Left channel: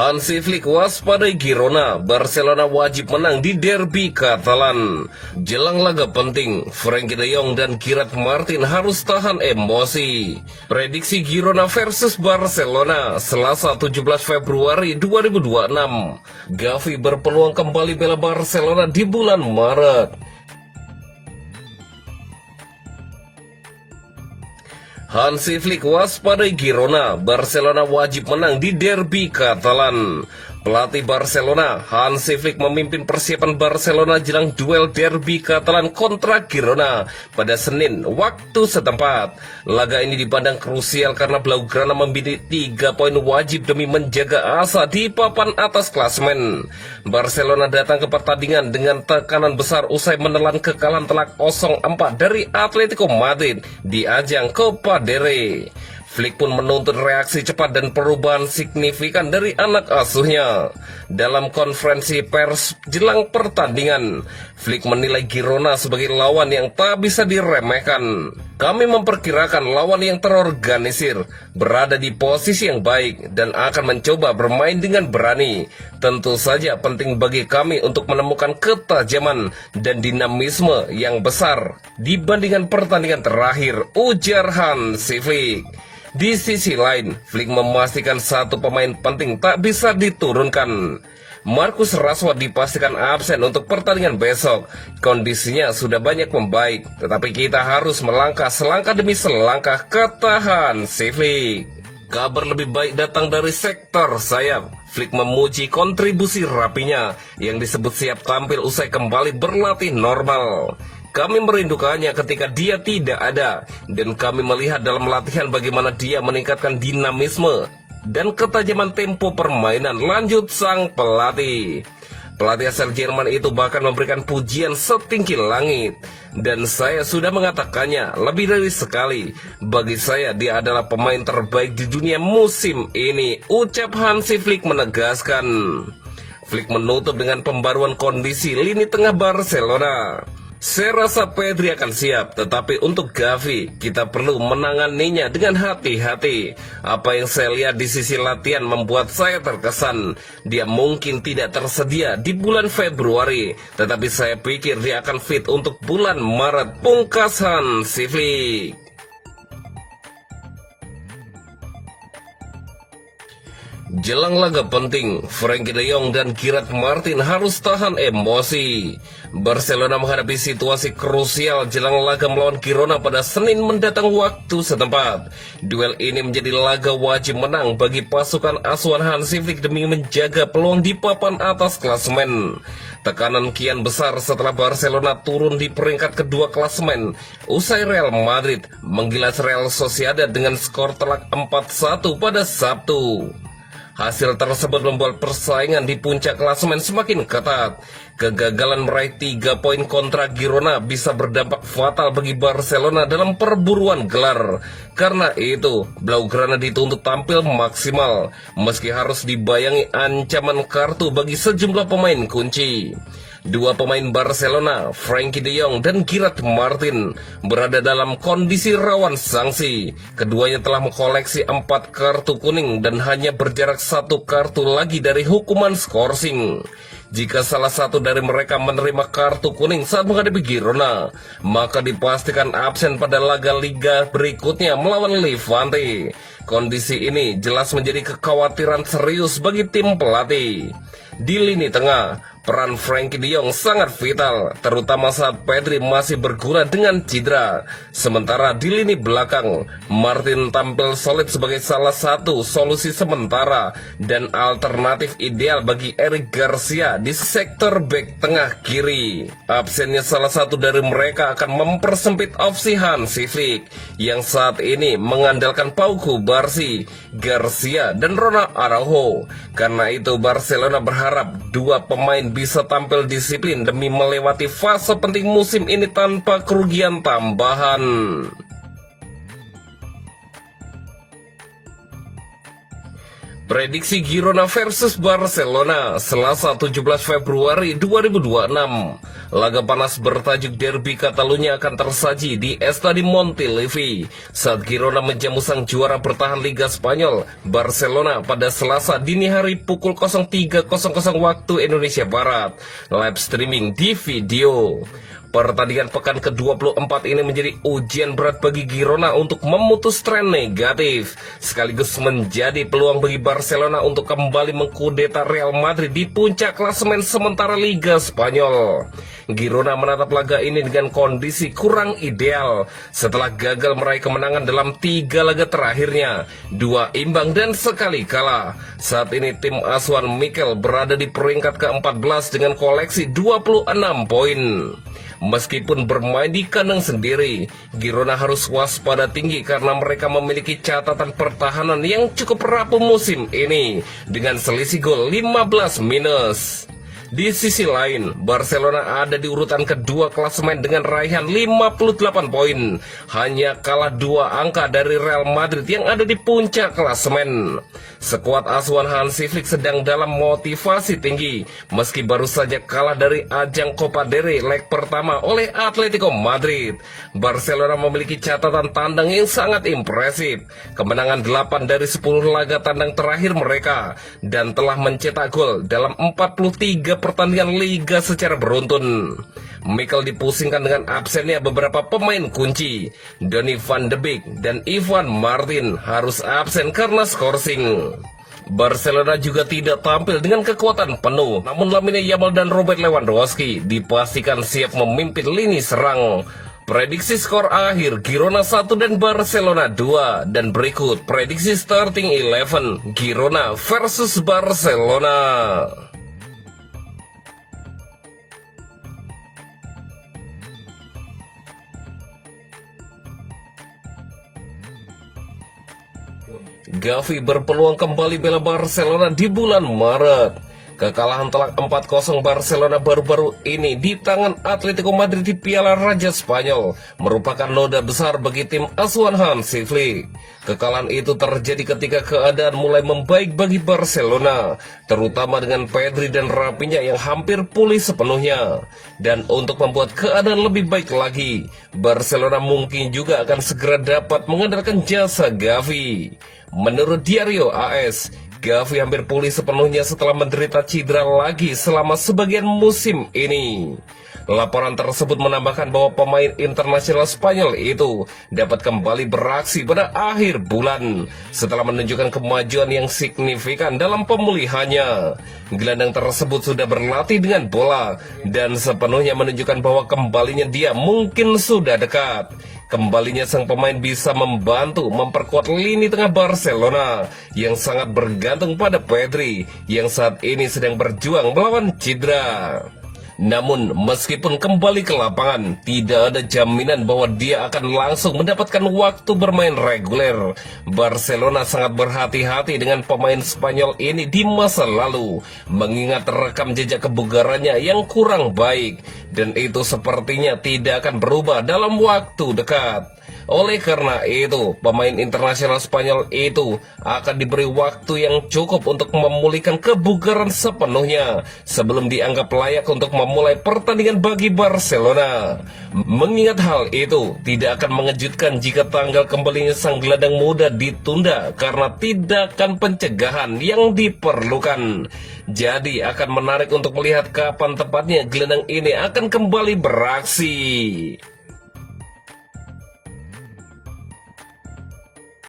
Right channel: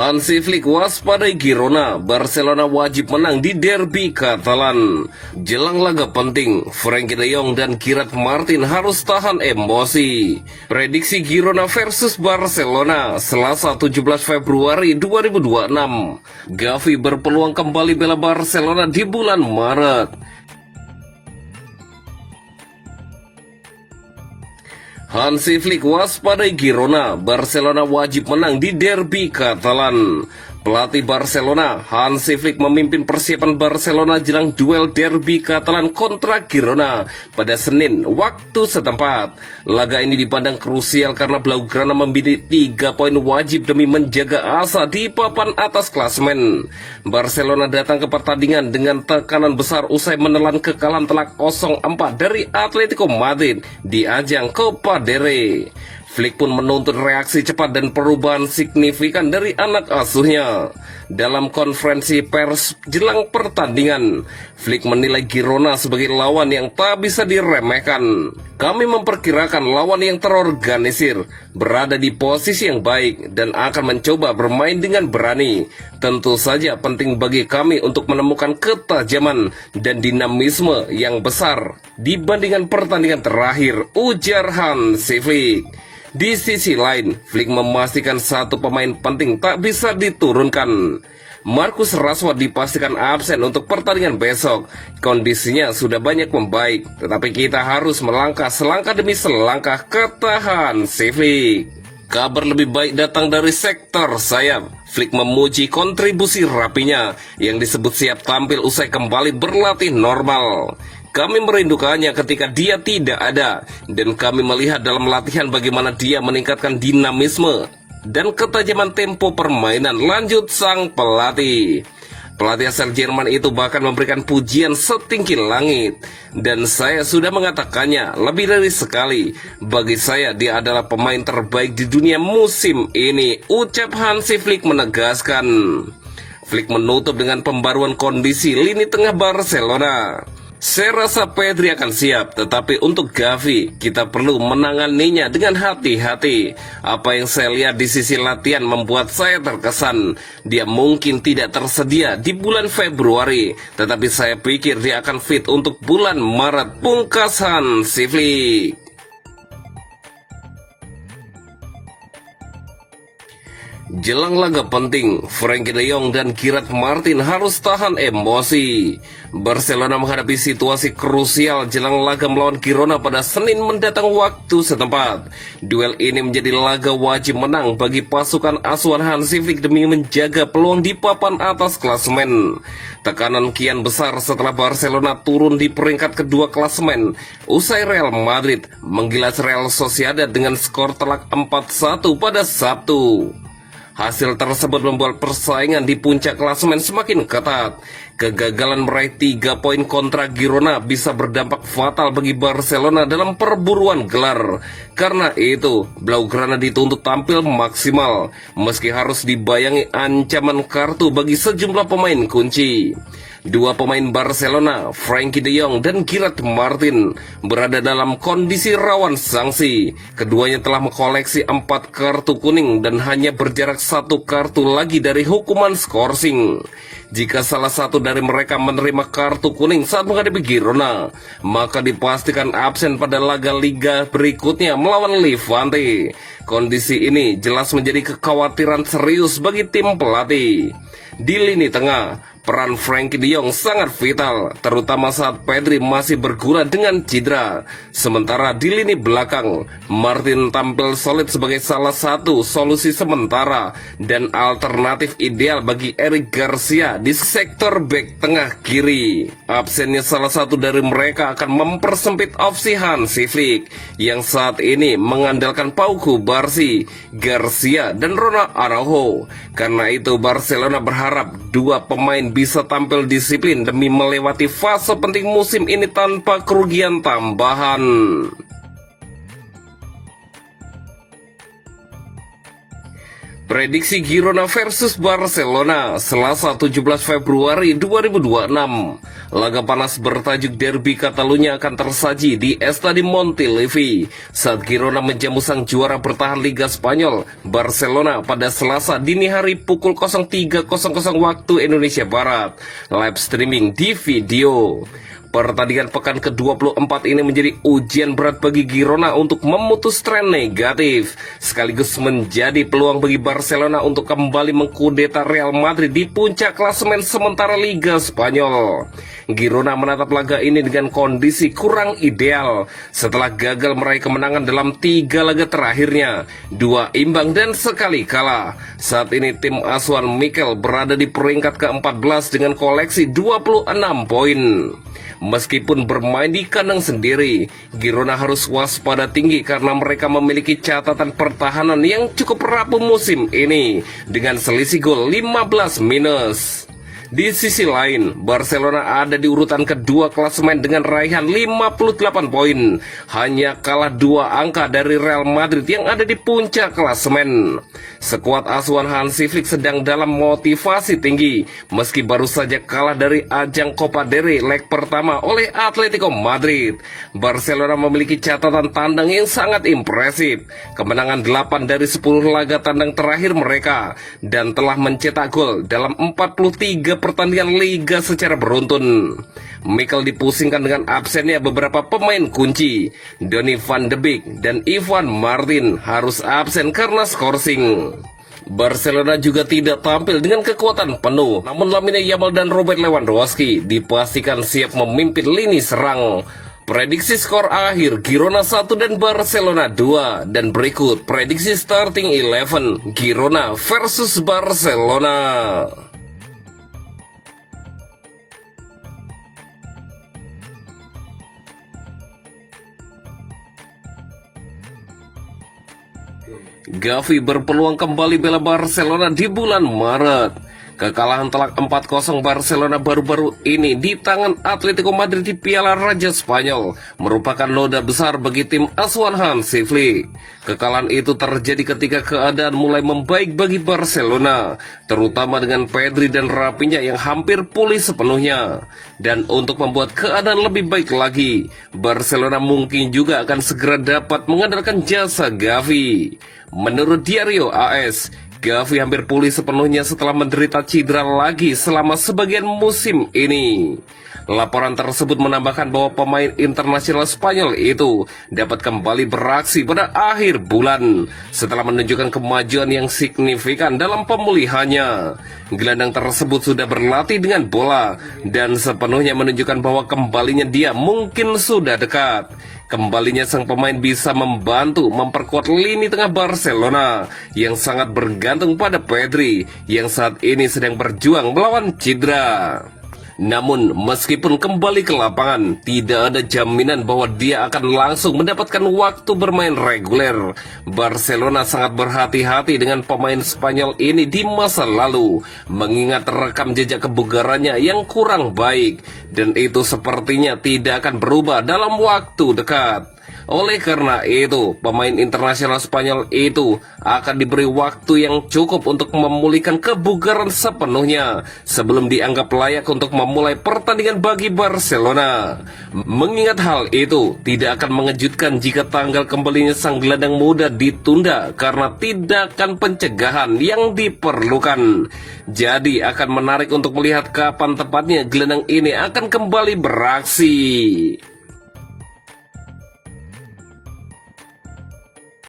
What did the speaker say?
Hansi Flick waspadai Girona, Barcelona wajib menang di derby Katalan. Jelang laga penting, Frenkie de Jong dan Gerard Martin harus tahan emosi. Prediksi Girona versus Barcelona, Selasa 17 Februari 2026. Gavi berpeluang kembali bela Barcelona di bulan Maret. Hansi Flick waspadai Girona, Barcelona wajib menang di derby Katalan. Pelatih Barcelona, Hansi Flick memimpin persiapan Barcelona jelang duel derby Katalan kontra Girona pada Senin waktu setempat. Laga ini dipandang krusial karena Blaugrana membidik 3 poin wajib demi menjaga asa di papan atas klasemen. Barcelona datang ke pertandingan dengan tekanan besar usai menelan kekalahan telak 0-4 dari Atletico Madrid di ajang Copa del Rey. Flick pun menuntut reaksi cepat dan perubahan signifikan dari anak asuhnya. Dalam konferensi pers jelang pertandingan, Flick menilai Girona sebagai lawan yang tak bisa diremehkan. Kami memperkirakan lawan yang terorganisir, berada di posisi yang baik, dan akan mencoba bermain dengan berani. Tentu saja penting bagi kami untuk menemukan ketajaman dan dinamisme yang besar dibandingkan pertandingan terakhir, ujar Hansi Flick. Di sisi lain, Flick memastikan satu pemain penting tak bisa diturunkan. Marcus Rashford dipastikan absen untuk pertandingan besok. Kondisinya sudah banyak membaik, tetapi kita harus melangkah selangkah demi selangkah, kata Hansi Flick. Kabar lebih baik datang dari sektor sayap. Flick memuji kontribusi rapinya yang disebut siap tampil usai kembali berlatih normal. Kami merindukannya ketika dia tidak ada, dan kami melihat dalam latihan bagaimana dia meningkatkan dinamisme dan ketajaman tempo permainan, lanjut sang pelatih. Pelatih asal Jerman itu bahkan memberikan pujian setinggi langit, dan saya sudah mengatakannya lebih dari sekali. Bagi saya dia adalah pemain terbaik di dunia musim ini, ucap Hansi Flick menegaskan. Flick menutup dengan pembaruan kondisi lini tengah Barcelona. Saya rasa Pedri akan siap, tetapi untuk Gavi, kita perlu menanganinya dengan hati-hati. Apa yang saya lihat di sisi latihan membuat saya terkesan. Dia mungkin tidak tersedia di bulan Februari, tetapi saya pikir dia akan fit untuk bulan Maret, pungkas Hansi Flick. Jelang laga penting, Frenkie de Jong dan Gerard Martin harus tahan emosi. Barcelona menghadapi situasi krusial jelang laga melawan Girona pada Senin mendatang waktu setempat. Duel ini menjadi laga wajib menang bagi pasukan asuhan Hansi Flick demi menjaga peluang di papan atas klasemen. Tekanan kian besar setelah Barcelona turun di peringkat kedua klasemen usai Real Madrid menggilas Real Sociedad dengan skor telak 4-1 pada Sabtu. Hasil tersebut membuat persaingan di puncak klasemen semakin ketat. Kegagalan meraih 3 poin kontra Girona bisa berdampak fatal bagi Barcelona dalam perburuan gelar. Karena itu, Blaugrana dituntut tampil maksimal, meski harus dibayangi ancaman kartu bagi sejumlah pemain kunci. Dua pemain Barcelona, Frenkie de Jong dan Gerard Martin, berada dalam kondisi rawan sanksi. Keduanya telah mengkoleksi 4 kartu kuning dan hanya berjarak 1 kartu lagi dari hukuman skorsing. Jika salah satu dari mereka menerima kartu kuning saat menghadapi Girona, maka dipastikan absen pada laga liga berikutnya melawan Levante. Kondisi ini jelas menjadi kekhawatiran serius bagi tim pelatih. Di lini tengah, peran Frenkie de Jong sangat vital, terutama saat Pedri masih berguna dengan cedera. Sementara di lini belakang, Martin tampil solid sebagai salah satu solusi sementara dan alternatif ideal bagi Eric Garcia di sektor bek tengah kiri. Absennya salah satu dari mereka akan mempersempit opsi Hansi Flick yang saat ini mengandalkan Pau Cubarsí, Garcia, dan Ronald Araujo. Karena itu Barcelona berharap dua pemain bisa tampil disiplin demi melewati fase penting musim ini tanpa kerugian tambahan. Prediksi Girona versus Barcelona, Selasa 17 Februari 2026. Laga panas bertajuk Derby Catalunya akan tersaji di Estadi Montilivi saat Girona menjamu sang juara bertahan Liga Spanyol, Barcelona, pada Selasa dini hari pukul 03.00 waktu Indonesia Barat. Live streaming di video. Pertandingan pekan ke-24 ini menjadi ujian berat bagi Girona untuk memutus tren negatif, sekaligus menjadi peluang bagi Barcelona untuk kembali mengkudeta Real Madrid di puncak klasemen sementara Liga Spanyol. Girona menatap laga ini dengan kondisi kurang ideal setelah gagal meraih kemenangan dalam 3 laga terakhirnya, 2 imbang dan sekali kalah. Saat ini tim asuhan Mikel berada di peringkat ke-14 dengan koleksi 26 poin. Meskipun bermain di kandang sendiri, Girona harus waspada tinggi karena mereka memiliki catatan pertahanan yang cukup rapuh musim ini dengan selisih gol 15 minus. Di sisi lain, Barcelona ada di urutan kedua klasemen dengan raihan 58 poin, hanya kalah 2 angka dari Real Madrid yang ada di puncak klasemen. Skuad asuhan Hansi Flick sedang dalam motivasi tinggi, meski baru saja kalah dari ajang Copa del Rey leg pertama oleh Atletico Madrid. Barcelona memiliki catatan tandang yang sangat impresif, kemenangan 8 dari 10 laga tandang terakhir mereka, dan telah mencetak gol dalam 43 pertandingan Liga secara beruntun. Mikel dipusingkan dengan absennya beberapa pemain kunci. Donny van de Beek dan Ivan Martin harus absen karena skorsing. Barcelona juga tidak tampil dengan kekuatan penuh, namun Lamine Yamal dan Robert Lewandowski dipastikan siap memimpin lini serang. Prediksi skor akhir Girona 1 dan Barcelona 2, dan berikut prediksi starting 11 Girona versus Barcelona. Gavi berpeluang kembali bela Barcelona di bulan Maret. Kekalahan telak 4-0 Barcelona baru-baru ini di tangan Atletico Madrid di Piala Raja Spanyol merupakan noda besar bagi tim asuhan Hansi Flick. Kekalahan itu terjadi ketika keadaan mulai membaik bagi Barcelona, terutama dengan Pedri dan Rafinha yang hampir pulih sepenuhnya. Dan untuk membuat keadaan lebih baik lagi, Barcelona mungkin juga akan segera dapat mengandalkan jasa Gavi. Menurut Diario AS, Gavi hampir pulih sepenuhnya setelah menderita cedera lagi selama sebagian musim ini. Laporan tersebut menambahkan bahwa pemain internasional Spanyol itu dapat kembali beraksi pada akhir bulan setelah menunjukkan kemajuan yang signifikan dalam pemulihannya. Gelandang tersebut sudah berlatih dengan bola dan sepenuhnya menunjukkan bahwa kembalinya dia mungkin sudah dekat. Kembalinya sang pemain bisa membantu memperkuat lini tengah Barcelona yang sangat bergantung pada Pedri yang saat ini sedang berjuang melawan cedera. Namun, meskipun kembali ke lapangan, tidak ada jaminan bahwa dia akan langsung mendapatkan waktu bermain reguler. Barcelona sangat berhati-hati dengan pemain Spanyol ini di masa lalu, mengingat rekam jejak kebugarannya yang kurang baik, dan itu sepertinya tidak akan berubah dalam waktu dekat. Oleh karena itu, pemain internasional Spanyol itu akan diberi waktu yang cukup untuk memulihkan kebugaran sepenuhnya sebelum dianggap layak untuk memulai pertandingan bagi Barcelona. Mengingat hal itu, tidak akan mengejutkan jika tanggal kembalinya sang gelandang muda ditunda karena tindakan pencegahan yang diperlukan. Jadi akan menarik untuk melihat kapan tepatnya gelandang ini akan kembali beraksi.